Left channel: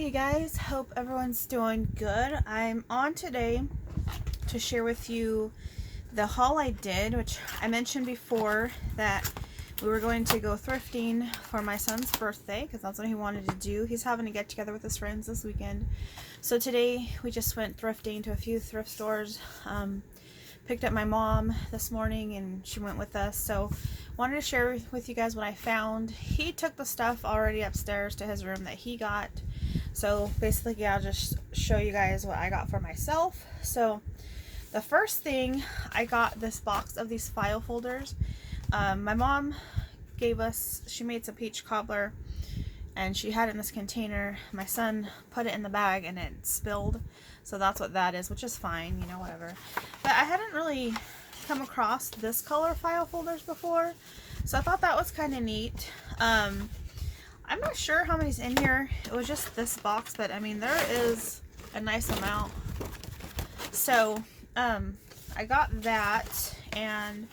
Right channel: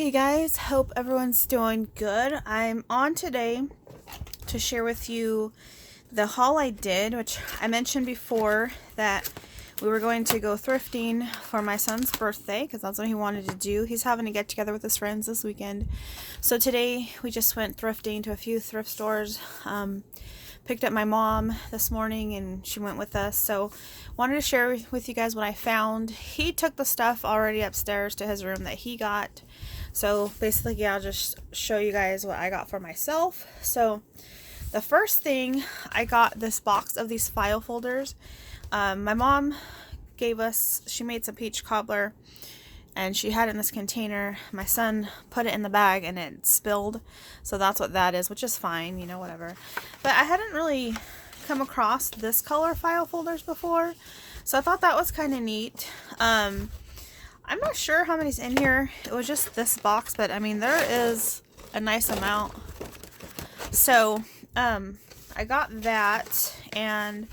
Hey guys, hope everyone's doing good. I'm on today to share with you the haul I did, which I mentioned before that we were going to go thrifting for my son's birthday because that's what he wanted to do. He's having a get together with his friends this weekend. So today we just went thrifting to a few thrift stores. Picked up my mom this morning and she went with us, so wanted to share with you guys what I found. He took the stuff already upstairs to his room that he got, so basically I'll just show you guys what I got for myself. So the first thing, I got this box of these file folders. My mom gave us, she made some peach cobbler and she had it in this container. My son put it in the bag and it spilled, so that's what that is, which is fine, you know, whatever. But I hadn't really come across this color file folders before, so I thought that was kind of neat. I'm not sure how many's in here. It was just this box, but I mean there is a nice amount. So I got that, and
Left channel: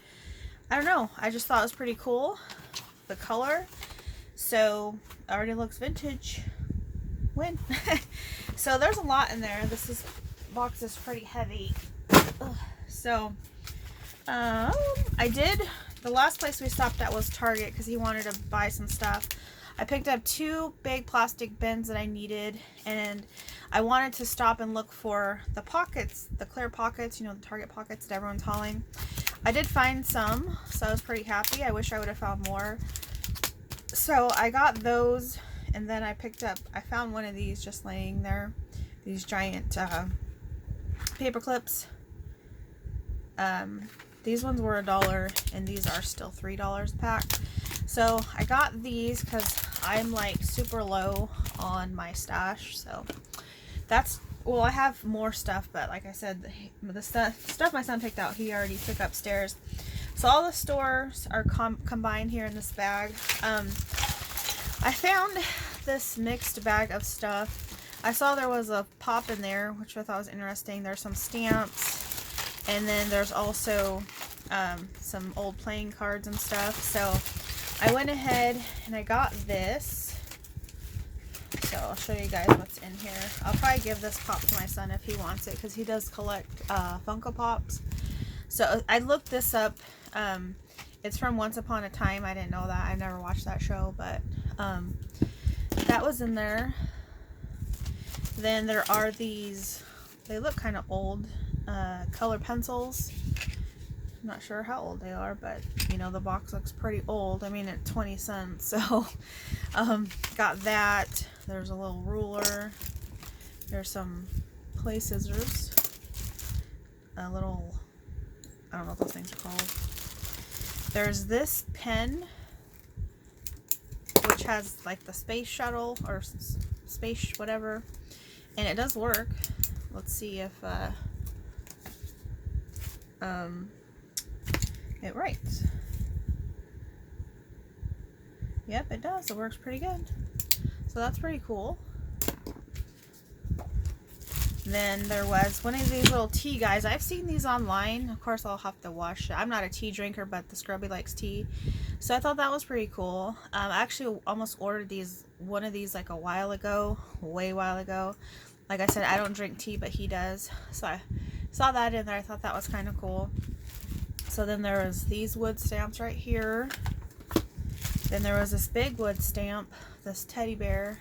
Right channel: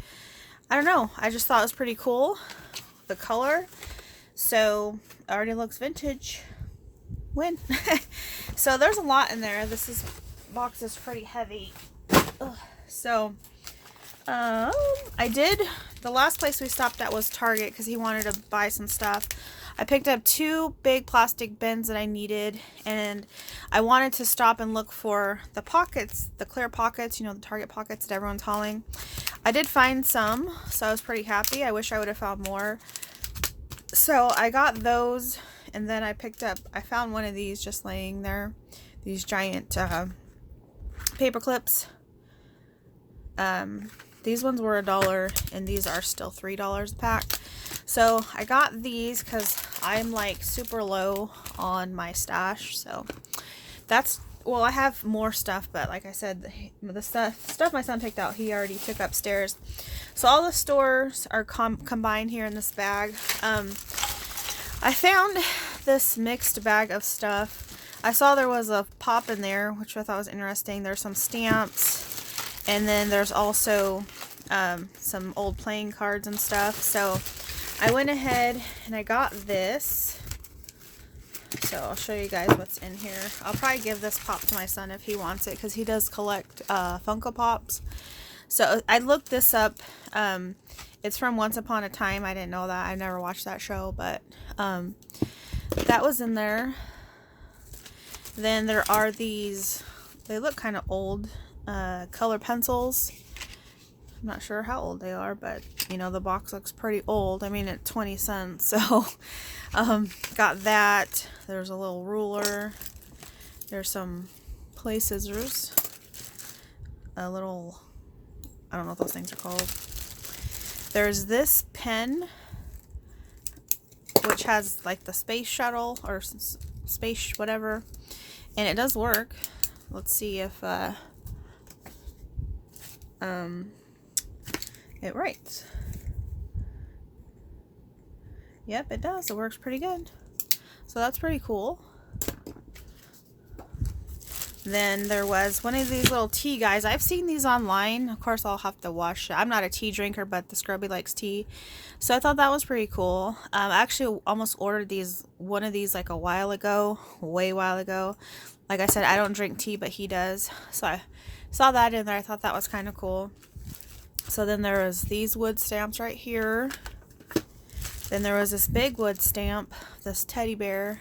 I don't know, I just thought it was pretty cool, the color. So it already looks vintage. Win. So there's a lot in there. This box is pretty heavy. Ugh. So I did, the last place we stopped at was Target because he wanted to buy some stuff. I picked up 2 big plastic bins that I needed, and I wanted to stop and look for the pockets, the clear pockets, you know, the Target pockets that everyone's hauling. I did find some, so I was pretty happy. I wish I would have found more. So I got those, and then I found one of these just laying there, these giant paper clips. These ones were $1 and these are still $3 a pack. So I got these because I'm like super low on my stash. So that's, well, I have more stuff, but like I said, the stuff my son picked out, he already took upstairs. So all the stores are combined here in this bag. I found this mixed bag of stuff. I saw there was a pop in there, which I thought was interesting. There's some stamps, and then there's also some old playing cards and stuff. So I went ahead and I got this. So I'll show you guys what's in here. I'll probably give this pop to my son if he wants it, because he does collect Funko Pops. So I looked this up. It's from Once Upon a Time. I didn't know that. I never watched that show, but that was in there. Then there are these, they look kind of old, color pencils. I'm not sure how old they are, but you know, the box looks pretty old. I mean, it's 20 cents, so got that. There's a little ruler. There's some play scissors. A little, I don't know what those things are called. There's this pen, which has like the space shuttle or space whatever, and it does work. Let's see if it writes. Yep, it does. It works pretty good. So that's pretty cool. Then there was one of these little tea guys. I've seen these online. Of course, I'll have to wash it. I'm not a tea drinker, but the Scrubby likes tea. So I thought that was pretty cool. I actually almost ordered one of these like a while ago, way while ago. Like I said, I don't drink tea, but he does. So I saw that in there. I thought that was kind of cool. So then there was these wood stamps right here. Then there was this big wood stamp, this teddy bear.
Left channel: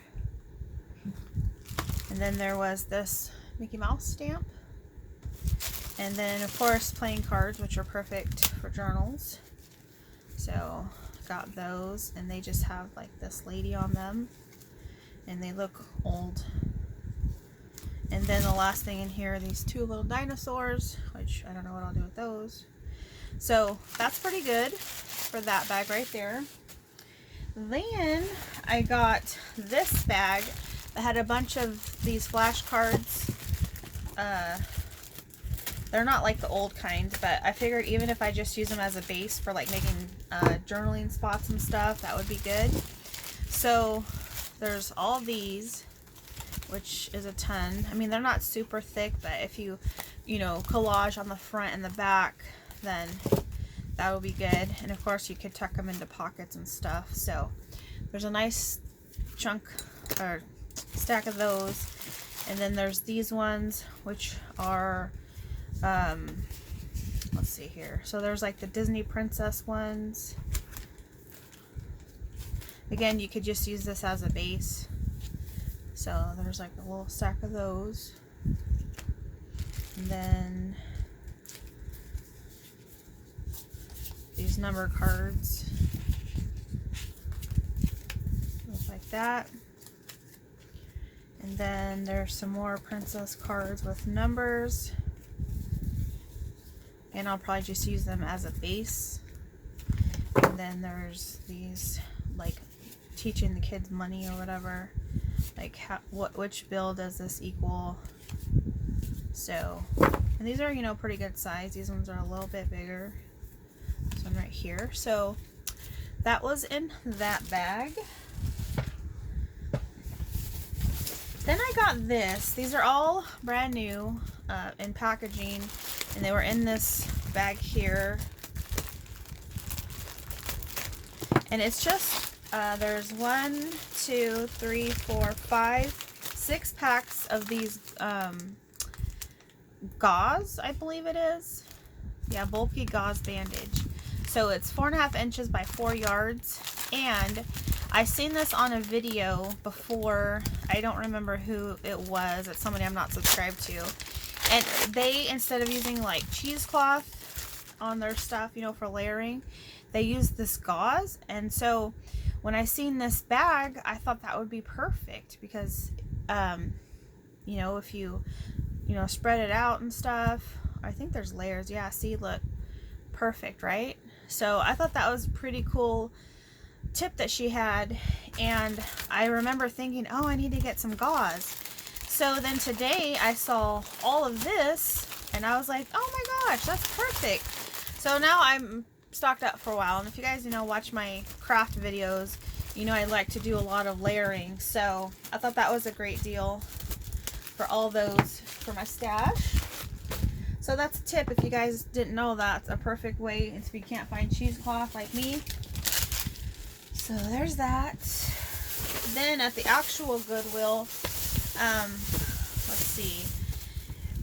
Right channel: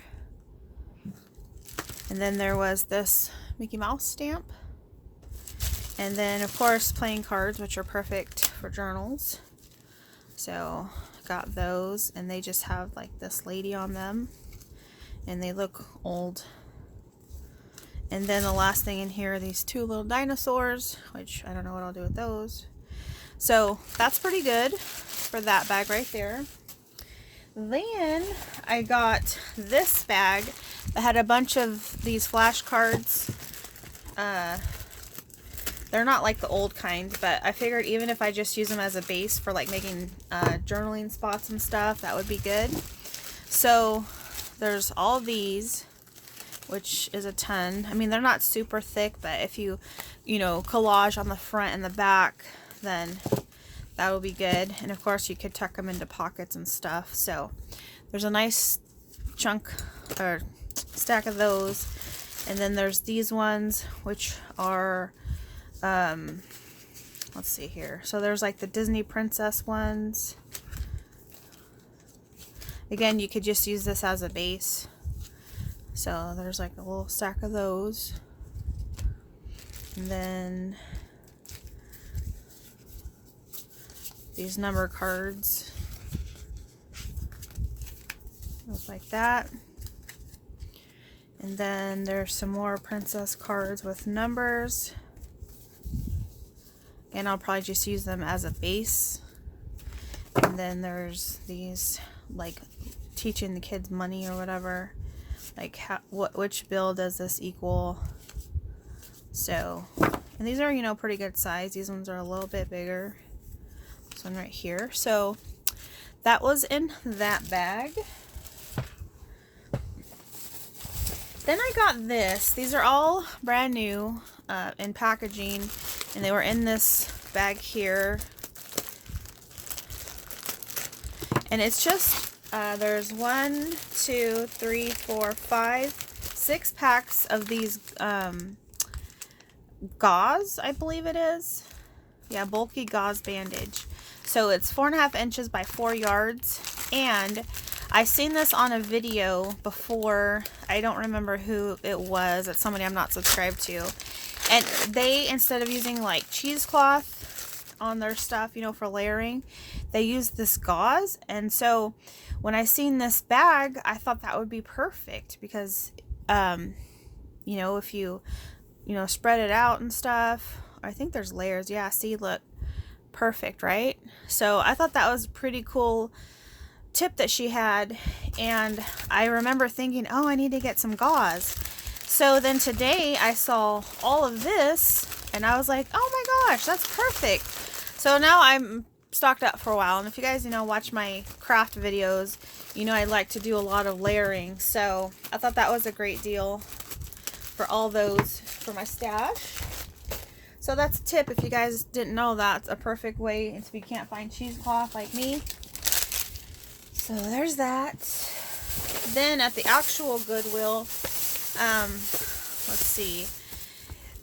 And then there was this Mickey Mouse stamp. And then of course playing cards, which are perfect for journals. So got those, and they just have like this lady on them, and they look old. And then the last thing in here are these 2 little dinosaurs, which I don't know what I'll do with those. So that's pretty good for that bag right there. Then I got this bag that had a bunch of these flashcards. They're not like the old kind, but I figured even if I just use them as a base for like making journaling spots and stuff, that would be good. So there's all these, which is a ton. I mean, they're not super thick, but if you know, collage on the front and the back, then that will be good. And of course you could tuck them into pockets and stuff. So there's a nice chunk or stack of those. And then there's these ones, which are, let's see here. So there's like the Disney princess ones. Again, you could just use this as a base. So there's like a little stack of those. And then these number cards. Look like that. And then there's some more princess cards with numbers. And I'll probably just use them as a base. And then there's these, like, teaching the kids money or whatever. Like, which bill does this equal? So, and these are, you know, pretty good size. These ones are a little bit bigger. This one right here. So, that was in that bag. Then I got this. These are all brand new in packaging, and they were in this bag here. And it's just, there's 1, 2, 3, 4, 5, 6 packs of these gauze, I believe it is. Yeah, bulky gauze bandage. So it's 4.5 inches by 4 yards. And I seen this on a video before. I don't remember who it was. It's somebody I'm not subscribed to. And they, instead of using like cheesecloth on their stuff, you know, for layering, they use this gauze. And so when I seen this bag, I thought that would be perfect because, you know, if you know, spread it out and stuff. I think there's layers. Yeah, see, look. Perfect, right? So I thought that was a pretty cool tip that she had. And I remember thinking, oh, I need to get some gauze. So then today I saw all of this and I was like, oh my gosh, that's perfect. So now I'm stocked up for a while. And if you guys, you know, watch my craft videos, you know I like to do a lot of layering. So I thought that was a great deal for all those for my stash. So that's a tip if you guys didn't know. That's a perfect way if you can't find cheesecloth like me. So there's that. Then at the actual Goodwill, let's see.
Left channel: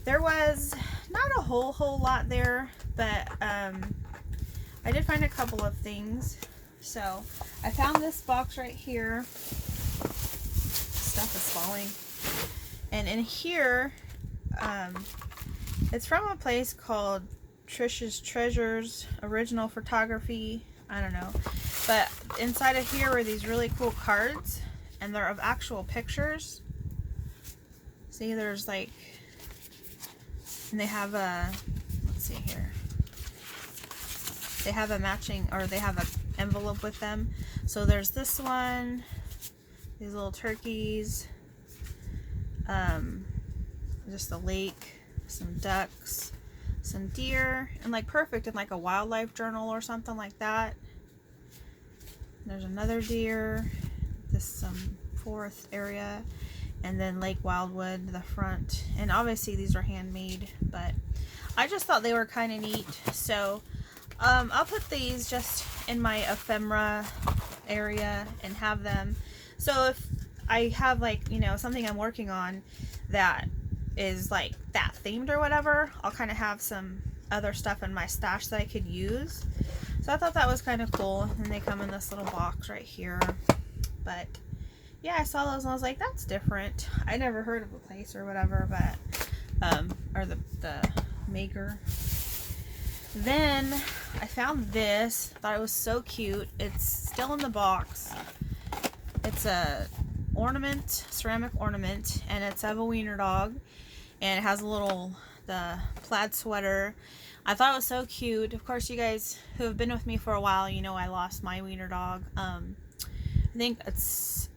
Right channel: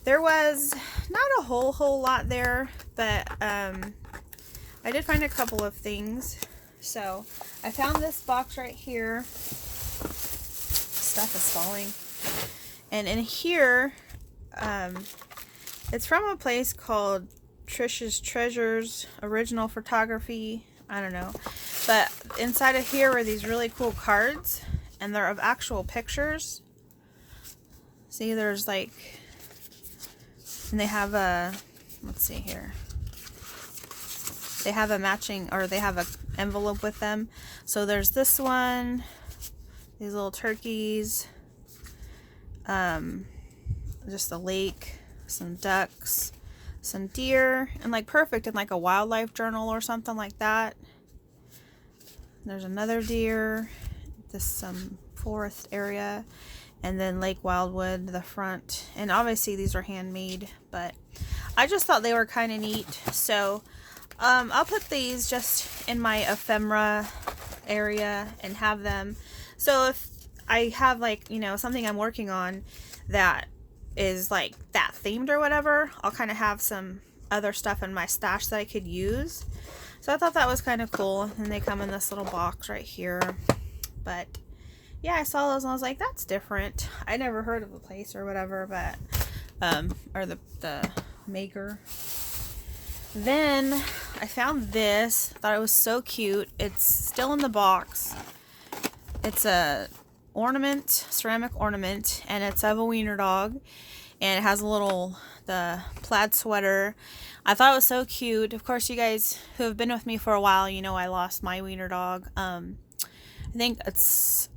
There was not a whole lot there, but I did find a couple of things. So I found this box right here. Stuff is falling. And in here, it's from a place called Trish's Treasures Original Photography. I don't know. But inside of here are these really cool cards. And they're of actual pictures. See, there's like... And they have a... Let's see here. They have a matching... Or they have an envelope with them. So there's this one. These little turkeys. Just a lake. Some ducks, some deer, and like perfect in like a wildlife journal or something like that. There's another deer, this some forest area, and then Lake Wildwood, the front. And obviously these are handmade, but I just thought they were kind of neat. So I'll put these just in my ephemera area and have them. So if I have like, you know, something I'm working on that is like that themed or whatever, I'll kind of have some other stuff in my stash that I could use. So I thought that was kind of cool. And they come in this little box right here. But yeah, I saw those and I was like, that's different. I never heard of the place or whatever, but or the maker. Then I found this. Thought it was so cute. It's still in the box. It's a ornament, ceramic ornament, and it's of a wiener dog, and it has a little the plaid sweater. I thought it was so cute. Of course, you guys who have been with me for a while, you know I lost my wiener dog. I think it's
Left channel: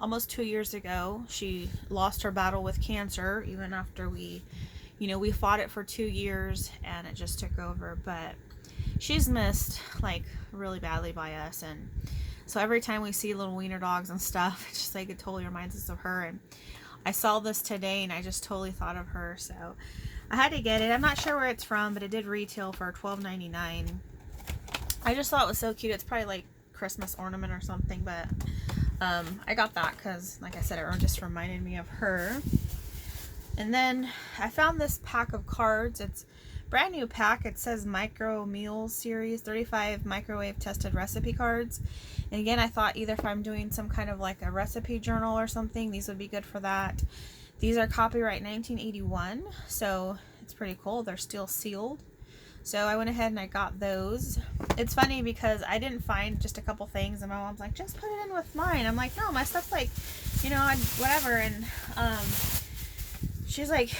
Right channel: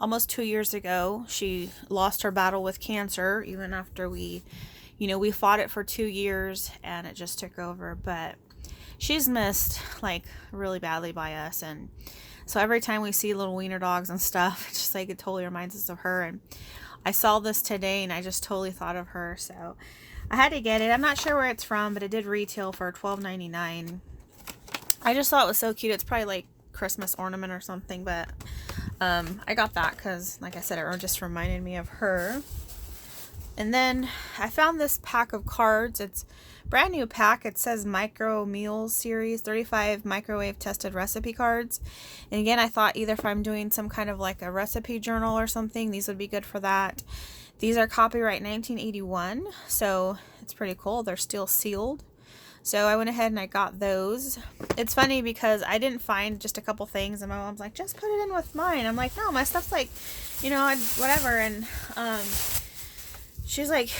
almost 2 years ago. She lost her battle with cancer, even after we, you know, we fought it for 2 years and it just took over. But she's missed like really badly by us, and so every time we see little wiener dogs and stuff, it's just like it totally reminds us of her. And I saw this today and I just totally thought of her. So I had to get it. I'm not sure where it's from, but it did retail for $12.99. I just thought it was so cute. It's probably like Christmas ornament or something, but I got that because, like I said, it just reminded me of her. And then I found this pack of cards. It's a brand new pack. It says Micro Meals Series, 35 microwave tested recipe cards. And again, I thought either if I'm doing some kind of like a recipe journal or something, these would be good for that. These are copyright 1981, so it's pretty cool. They're still sealed. So I went ahead and I got those. It's funny because I didn't find just a couple things, and my mom's like, just put it in with mine. I'm like, no, my stuff's like, you know, whatever. And she's like,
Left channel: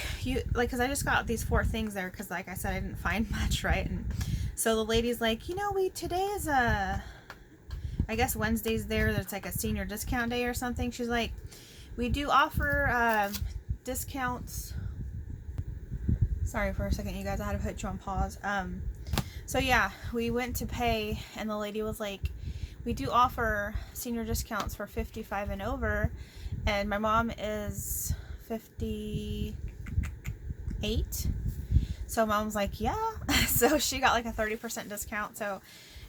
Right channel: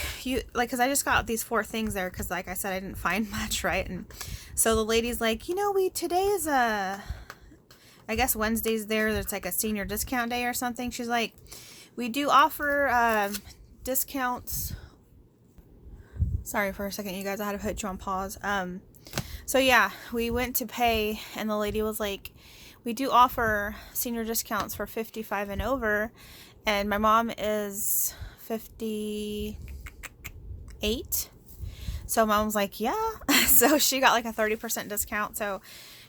because I just got these 4 things there because, like I said, I didn't find much, right? And so the lady's like, you know, today is I guess Wednesday's there's like a senior discount day or something. She's like, we do offer discounts. Sorry for a second, you guys, I had to put you on pause. So yeah, we went to pay, and the lady was like, we do offer senior discounts for 55 and over, and my mom is 58. So mom's like, yeah. So she got like a 30% discount. So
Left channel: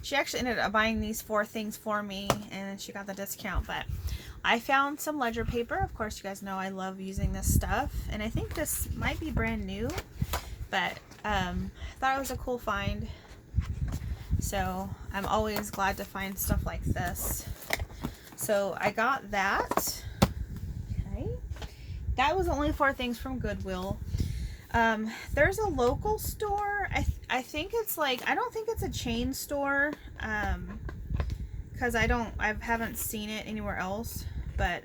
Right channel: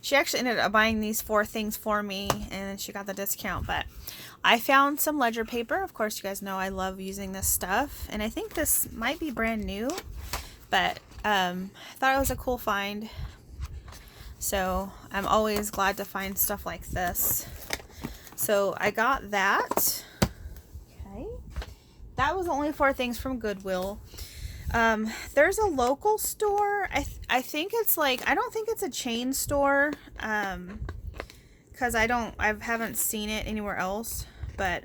she actually ended up buying these 4 things for me, and she got the discount. But I found some ledger paper. Of course, you guys know I love using this stuff, and I think this might be brand new, but I thought it was a cool find. So I'm always glad to find stuff like this. So I got that. Okay. That was only 4 things from Goodwill. There's a local store. I think it's like, I don't think it's a chain store, because I haven't seen it anywhere else, but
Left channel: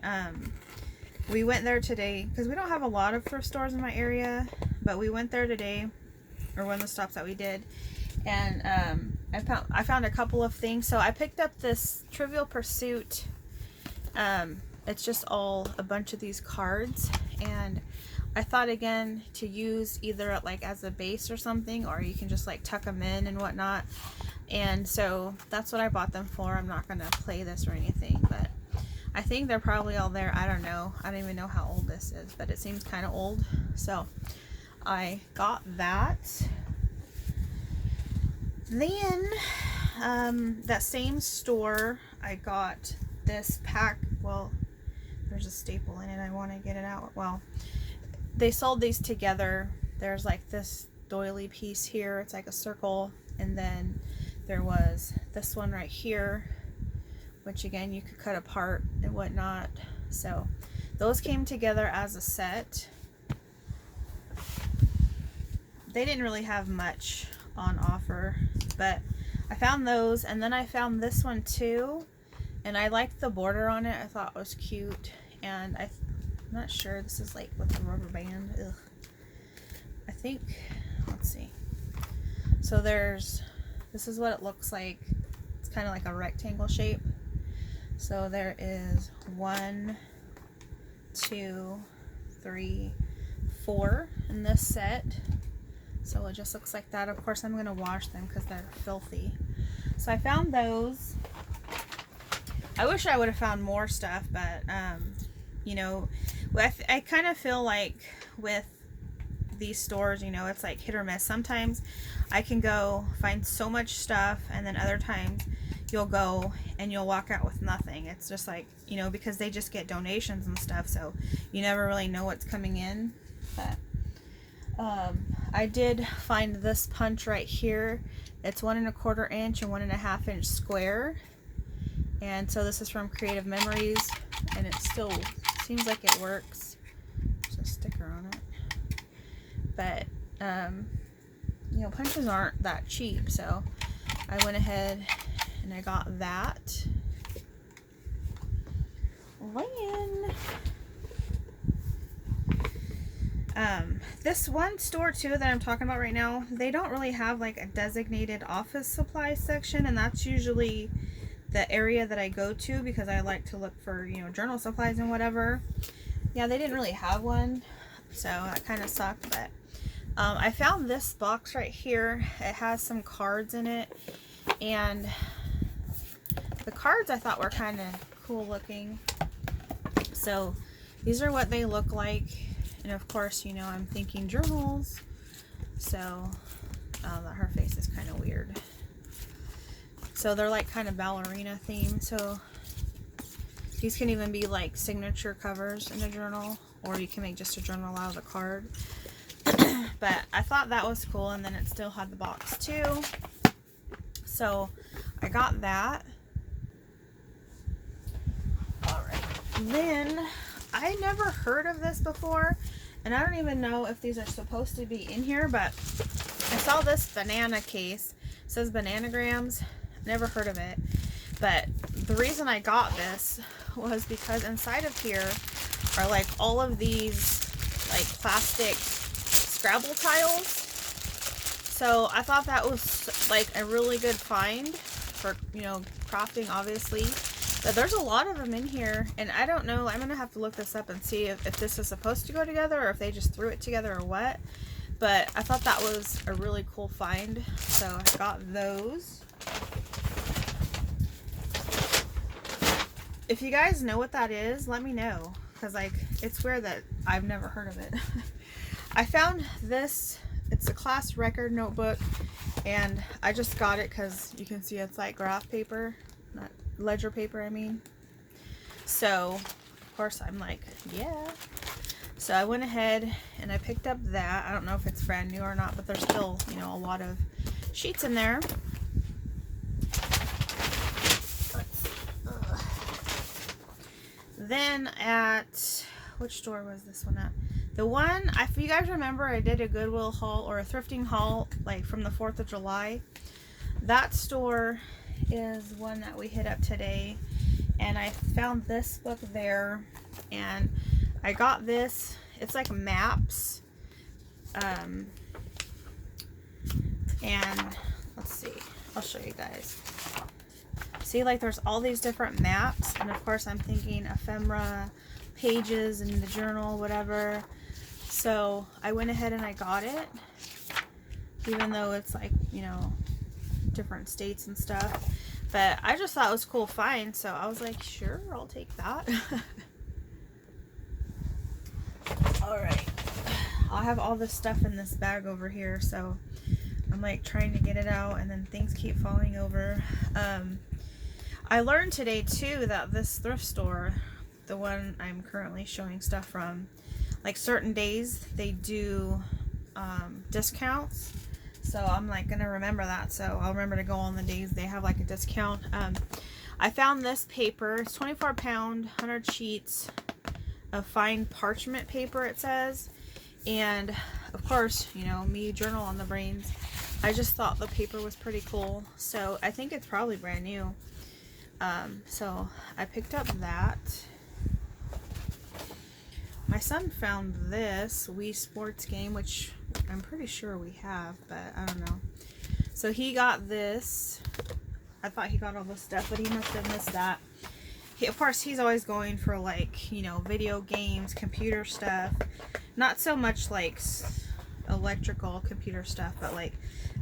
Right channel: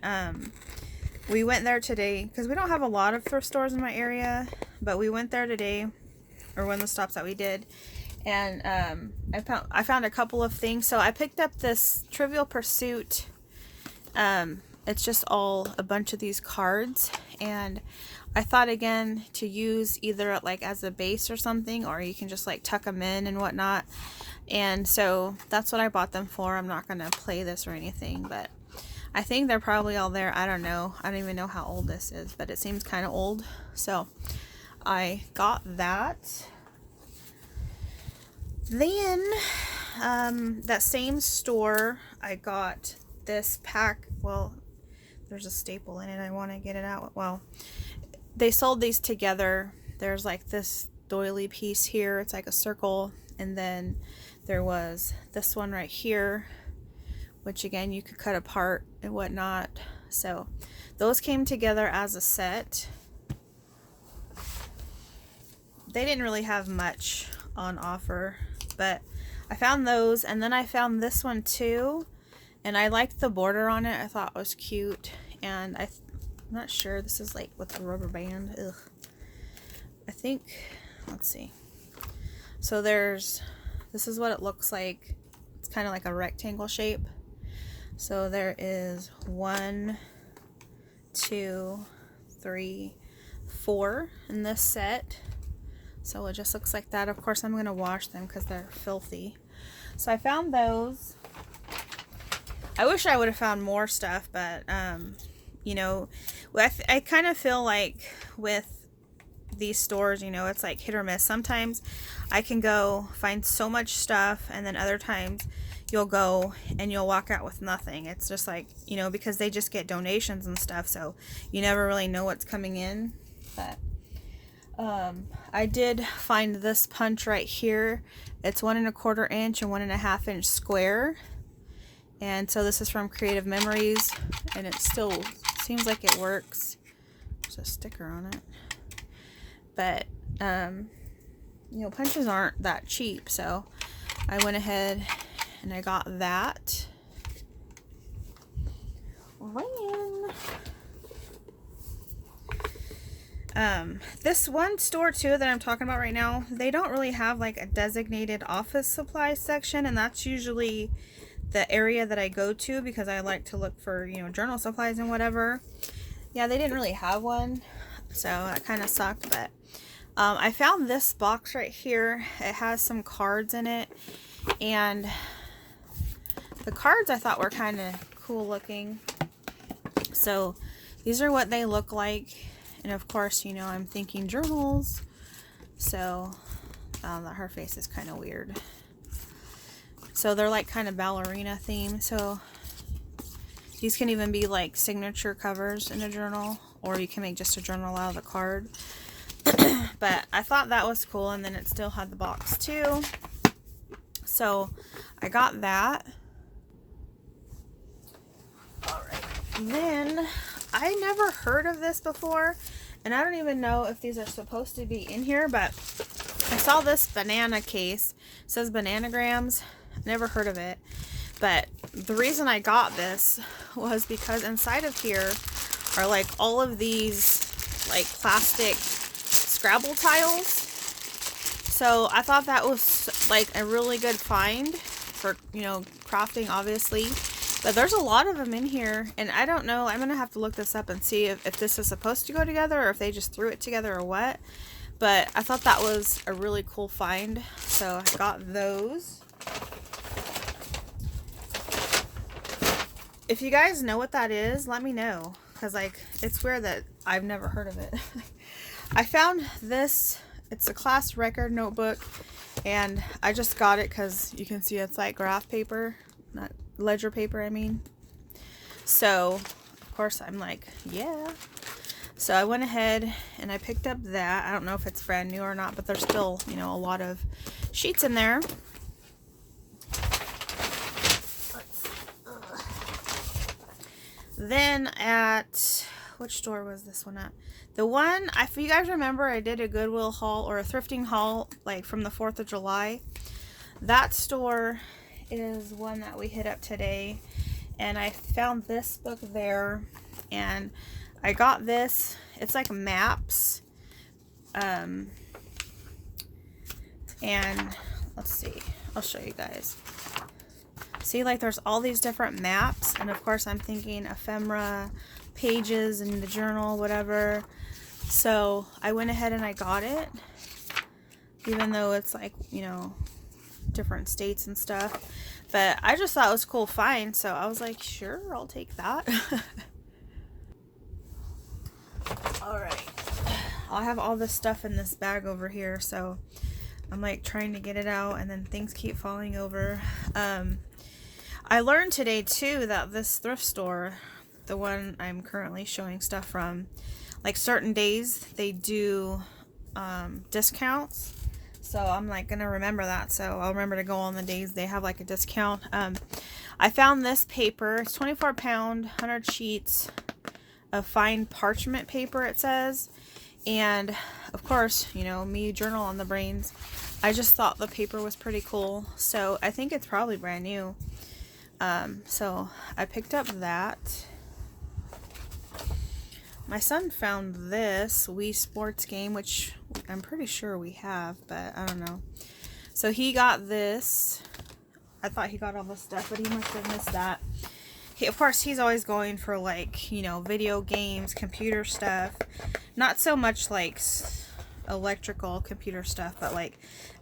we went there today because we don't have a lot of thrift stores in my area, but we went there today, or one of the stops that we did, and I found a couple of things. So I picked up this Trivial Pursuit. It's just a bunch of these cards, and I thought again to use either like as a base or something, or you can just like tuck them in and whatnot. And so that's what I bought them for. I'm not going to play this or anything, but I think they're probably all there. I don't know. I don't even know how old this is, but it seems kind of old. So I got that. Then that same store, I got this pack. Well, there's a staple in it. I want to get it out. Well, they sold these together. There's like this doily piece here. It's like a circle, and then there was this one right here, which again you could cut apart and whatnot. So those came together as a set. They didn't really have much on offer, but I found those, and then I found this one too, and I liked the border on it. I thought it was cute, and I'm not sure, this is like with the rubber band. Ugh. I think, let's see. So this is what it looks like. It's kind of like a rectangle shape. So there is 1, 2, 3, 4 in this set. So it just looks like that. Of course, I'm going to wash them because they're filthy. So I found those. I wish I would have found more stuff, but you know, I kind of feel like with these stores, you know, it's like hit or miss. Sometimes I can go find so much stuff, and then other times you'll go and you'll walk out with nothing. It's just like, you know, because they just get donations and stuff, so you never really know what's coming in. But I did find this punch right here. It's 1 1/4 inch and 1 1/2 inch square, and so this is from Creative Memories, and it still seems like it works. There's a sticker on it, but you know, punches aren't that cheap, so I went ahead and I got that. This one store too that I'm talking about right now, they don't really have like a designated office supply section, and that's usually the area that I go to because I like to look for, you know, journal supplies and whatever. Yeah, they didn't really have one, so that kind of sucked. But I found this box right here. It has some cards in it, and the cards I thought were kind of cool looking. So these are what they look like, and of course, you know, I'm thinking journals, so her face is kind of weird. So they're like kind of ballerina themed. So These can even be like signature covers in a journal, or you can make just a journal out of a card. But I thought that was cool, and then it still had the box too. So I got that. Alright. Then I never heard of this before, and I don't even know if these are supposed to be in here, but I saw this banana case. It says Bananagrams. Never heard of it. But the reason I got this was because inside of here are like all of these like plastic Scrabble tiles. So I thought that was like a really good find for, you know, crafting obviously. But there's a lot of them in here, and I don't know. I'm going to have to look this up and see if this is supposed to go together or if they just threw it together or what. But I thought that was a really cool find, so I got those. If you guys know what that is, let me know, because like it's weird that I've never heard of it. I found this. It's a class record notebook, and I just got it because you can see it's like graph paper, not ledger paper, I mean. So of course I'm like, yeah. So I went ahead and I picked up that. I don't know if it's brand new or not, but there's still, you know, a lot of sheets in there. Then at, which store was this one at? The one, if you guys remember, I did a Goodwill haul or a thrifting haul like from the 4th of July. That store is one that we hit up today, and I found this book there, and I got this. It's like maps, and let's see, I'll show you guys. See, like there's all these different maps, and of course I'm thinking ephemera, pages in the journal, whatever. So I went ahead and I got it, even though it's like, you know, different states and stuff. But I just thought it was a cool find, so I was like, sure, I'll take that. Alright, I'll have all this stuff in this bag over here, so I'm like trying to get it out, and then things keep falling over. I learned today too that this thrift store, the one I'm currently showing stuff from, like certain days they do discounts. So I'm like gonna remember that, so I'll remember to go on the days they have like a discount. I found this paper. It's 24 pound, 100 sheets of fine parchment paper, it says. And of course, you know, me, journal on the brains, I just thought the paper was pretty cool, so I think it's probably brand new. So I picked up that. My son found this Wii Sports game, which I'm pretty sure we have, but I don't know. So he got this. I thought he got all this stuff, but he must have missed that. Of course, he's always going for like, you know, video games, computer stuff. Not so much like electrical computer stuff, but like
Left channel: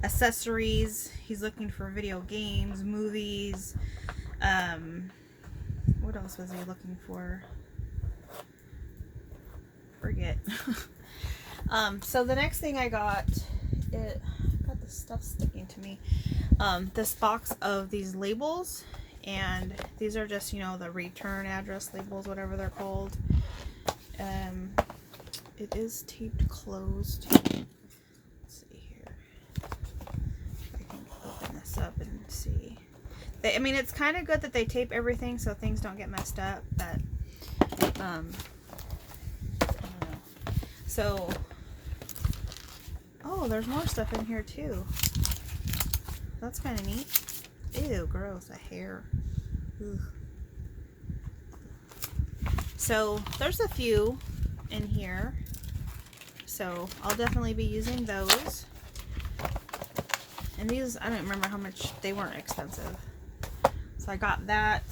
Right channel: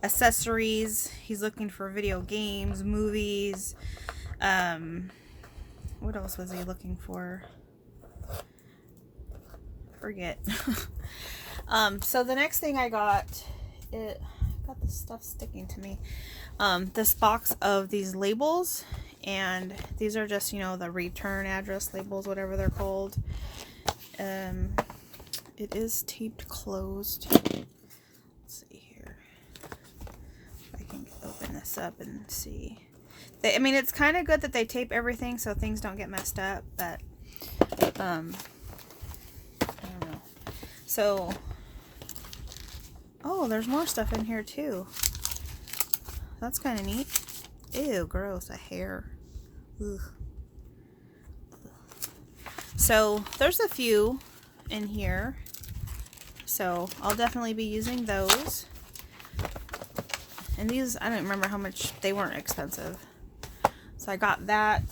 accessories. He's looking for video games, movies. What else was he looking for? Forget. So the next thing I got, got this stuff sticking to me. This box of these labels, and these are just, you know, the return address labels, whatever they're called. It is taped closed. Let's see here. If I can open this up and see. I mean, it's kind of good that they tape everything so things don't get messed up, but I don't know. So, oh, there's more stuff in here too. That's kind of neat. Ew, gross, a hair. Ugh. So there's a few in here, so I'll definitely be using those. And these, I don't remember how much, they weren't expensive. So I got that.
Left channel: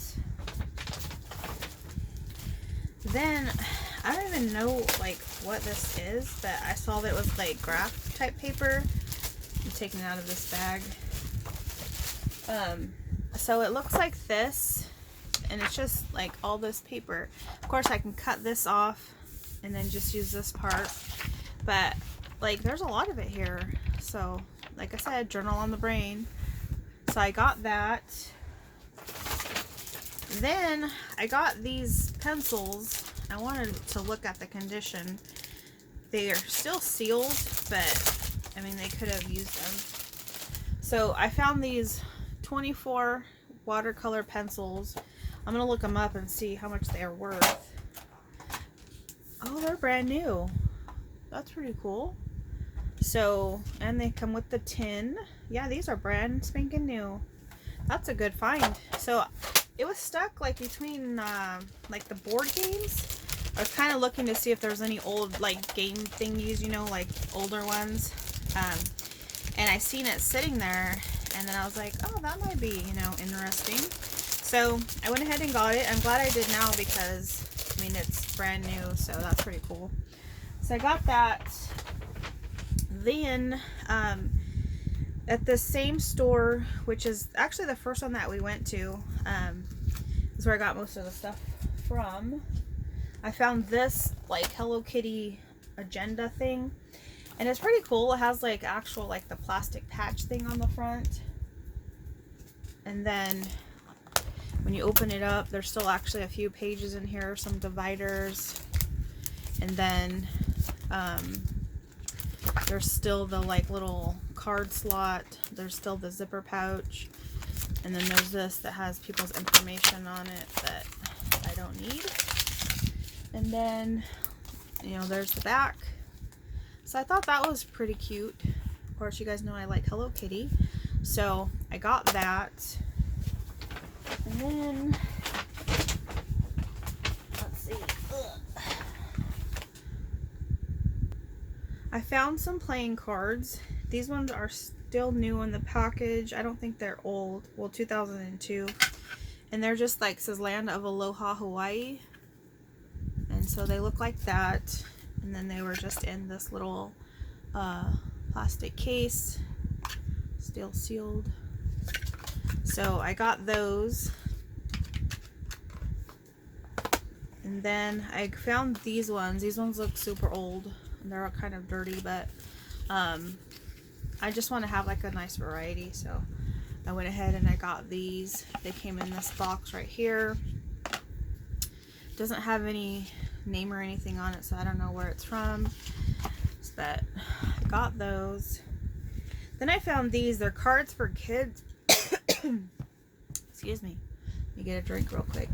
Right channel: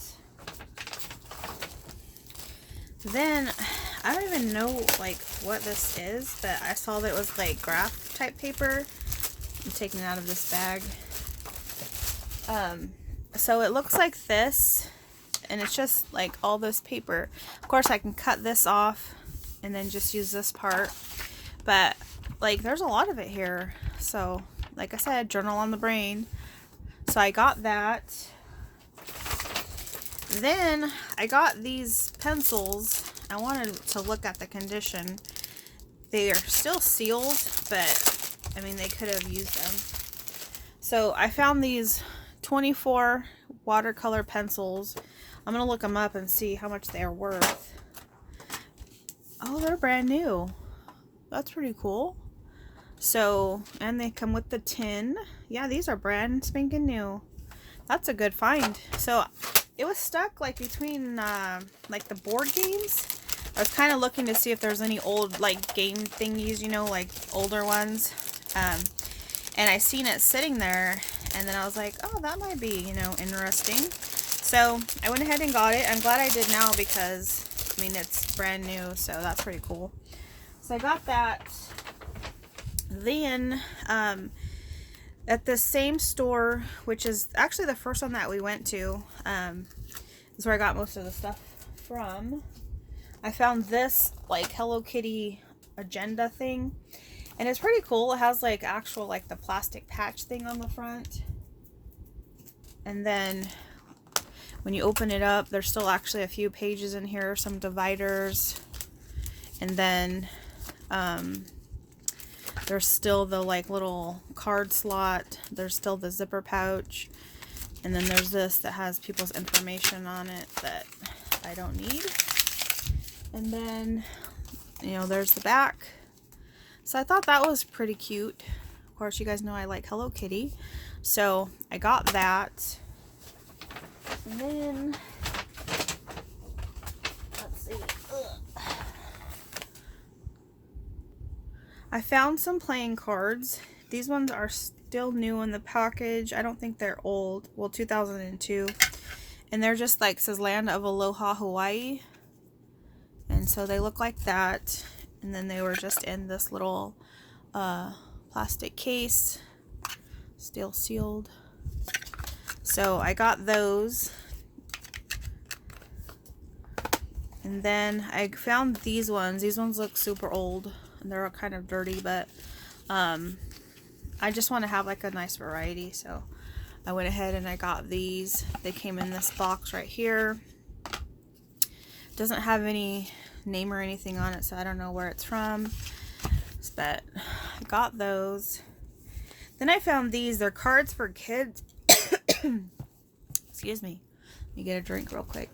Then I don't even know like what this is, but I saw that it was like graph type paper. I'm taking it out of this bag. So it looks like this, and it's just like all this paper. Of course I can cut this off and then just use this part, but like there's a lot of it here. So like I said, journal on the brain. So I got that. Then I got these pencils. I wanted to look at the condition. They are still sealed, but I mean, they could have used them. So I found these 24 watercolor pencils. I'm gonna look them up and see how much they are worth. Oh, they're brand new. That's pretty cool. So, and they come with the tin. Yeah, these are brand spanking new. That's a good find. So it was stuck like between like the board games. I was kind of looking to see if there's any old like game thingies, you know, like older ones. And I seen it sitting there, and then I was like, oh, that might be, you know, interesting. So I went ahead and got it. I'm glad I did now because, I mean, it's brand new, so that's pretty cool. So I got that. Then at the same store, which is actually the first one that we went to, is where I got most of the stuff from. I found this like Hello Kitty agenda thing, and it's pretty cool. It has like actual like the plastic patch thing on the front, and then when you open it up, there's still actually a few pages in here, some dividers, and then there's still the like little card slot. There's still the zipper pouch, and then there's this that has people's information on it that I don't need. And then, you know, there's the back. So I thought that was pretty cute. Of course, you guys know I like Hello Kitty, so I got that. And then, let's see. I found some playing cards. These ones are still new in the package. I don't think they're old. Well, 2002. And they're just like, says Land of Aloha, Hawaii. And so they look like that. And then they were just in this little plastic case. Still sealed. So I got those. And then I found these ones. These ones look super old. They're kind of dirty, but I just want to have like a nice variety, so I went ahead and I got these. They came in this box right here. Doesn't have any name or anything on it, so I don't know where it's from, but I got those. Then I found these. They're cards for kids. Excuse me. Let me get a drink real quick.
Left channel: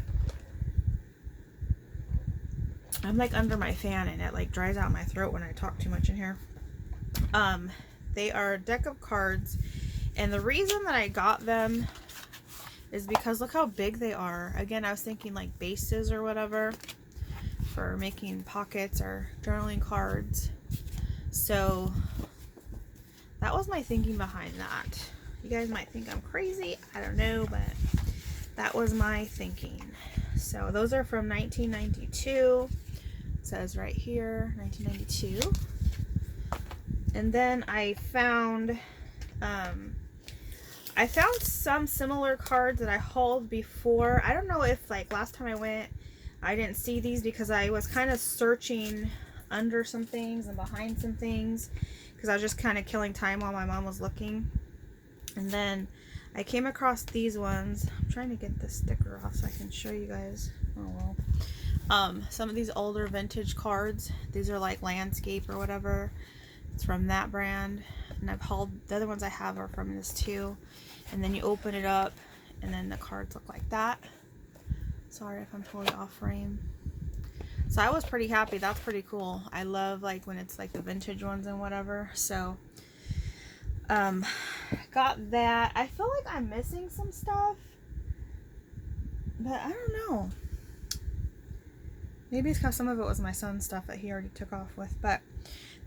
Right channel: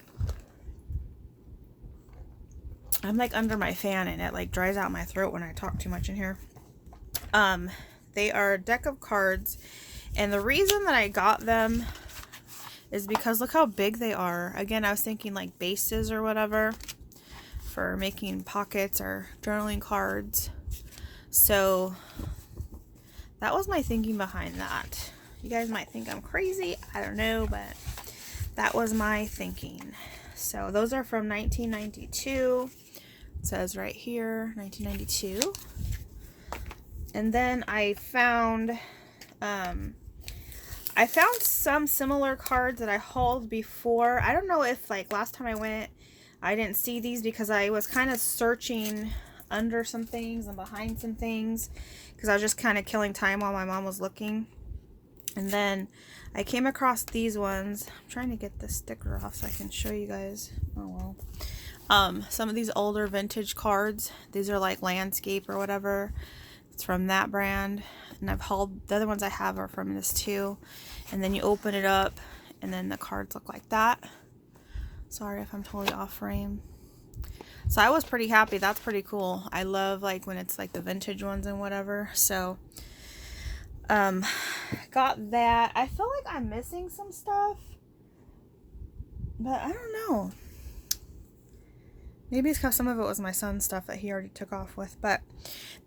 I'm like under my fan and it like dries out my throat when I talk too much in here. They are a deck of cards, and the reason that I got them is because look how big they are. Again, I was thinking like bases or whatever for making pockets or journaling cards. So that was my thinking behind that. You guys might think I'm crazy, I don't know, but that was my thinking. So those are from 1992. It says right here, 1992. And then I found some similar cards that I hauled before. I don't know if like last time I went, I didn't see these because I was kind of searching under some things and behind some things because I was just kind of killing time while my mom was looking. And then I came across these ones. I'm trying to get the sticker off so I can show you guys. Oh well. Some of these older vintage cards. These are like landscape or whatever. It's from that brand. And I've hauled, the other ones I have are from this too. And then you open it up and then the cards look like that. Sorry if I'm totally off frame. So I was pretty happy. That's pretty cool. I love like when it's like the vintage ones and whatever. So got that. I feel like I'm missing some stuff, but I don't know. Maybe it's because some of it was my son's stuff that he already took off with, but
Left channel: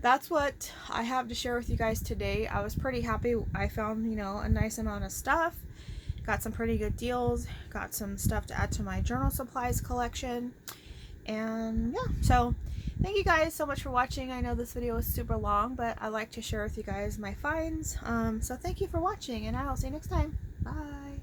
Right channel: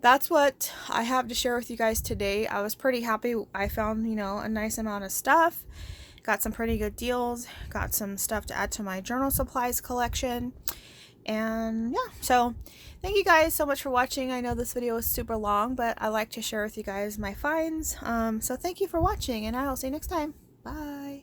that's what I have to share with you guys today. I was pretty happy. I found, you know, a nice amount of stuff. Got some pretty good deals. Got some stuff to add to my journal supplies collection. And yeah, so thank you guys so much for watching. I know this video was super long, but I like to share with you guys my finds. So thank you for watching, and I will see you next time. Bye.